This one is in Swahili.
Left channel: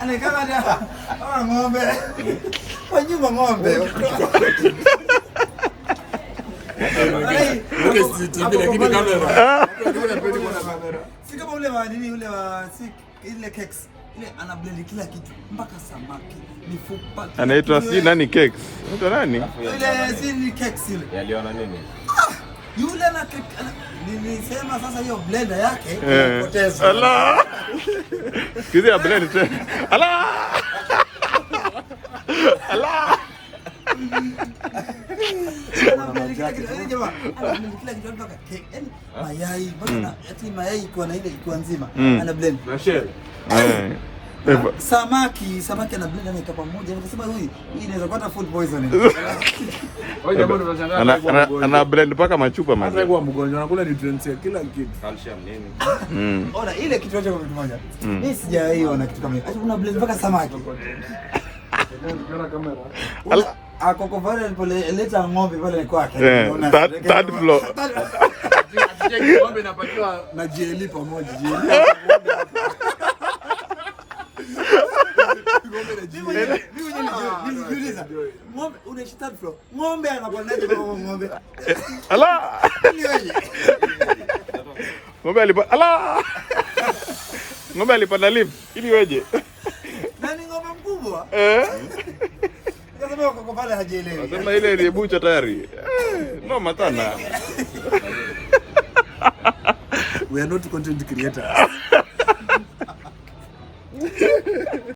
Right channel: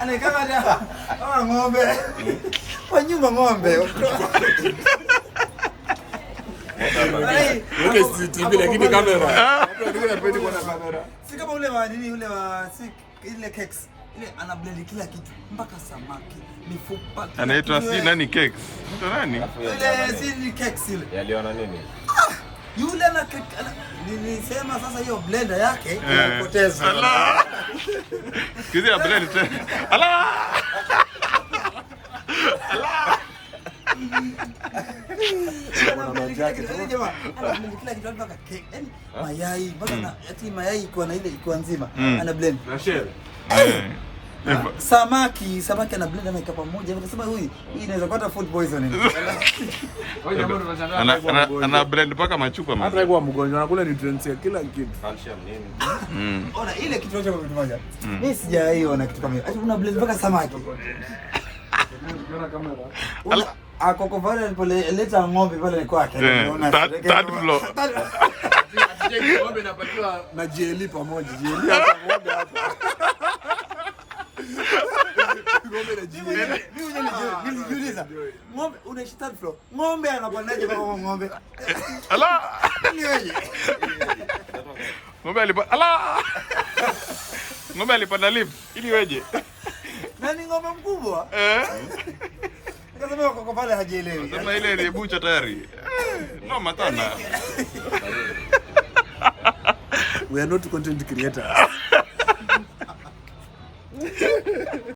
Anaikama kama ng'ombe. Kwa nyuma ng'ombe. Lakini kamera. Si kama ule wa nini ule wa ile cakes. Ile ana blend kila kitu mpaka samaki, mifupa. Anaitwa si nani cakes? Anaitwa nani? Ile si ni cakes ile. Yaliona nini? Yule ana nilisema sasa hiyo blender yake inapoteza. Allah. Kizi ya blend tena. Allah. Allah. Mayai, ati mayai iko na ile iko nzima, ana blend na shell. Samaki ana blend na itopa moja. Nikasema huyu inaweza kupata food poisoning. Ana blend paka machupa mimi. Hata kwa mgonjwa anakula nutrients ya kila kitu. Calcium nini? Ona ile kitu chote kwa kitu moja. Mimi sijaiona na kitu kama hiyo. Ati una blend paka samaki. Akoko pale alipoleta ng'ombe pale kwake. Third floor. Ng'ombe inapatiwa na jeli pamoja. Jeli hapa ng'ombe hapa. Niuliza, ng'ombe unaishi third floor. Ng'ombe anapandaje kwa ng'ombe? Ala! Ng'ombe alipanda ala! Ng'ombe alipanda lift ili weje? Nani ng'ombe mkubwa? Kasema kwa pale hajielewi. Sema ile ni bucha tayari. No matana. We are not content creators.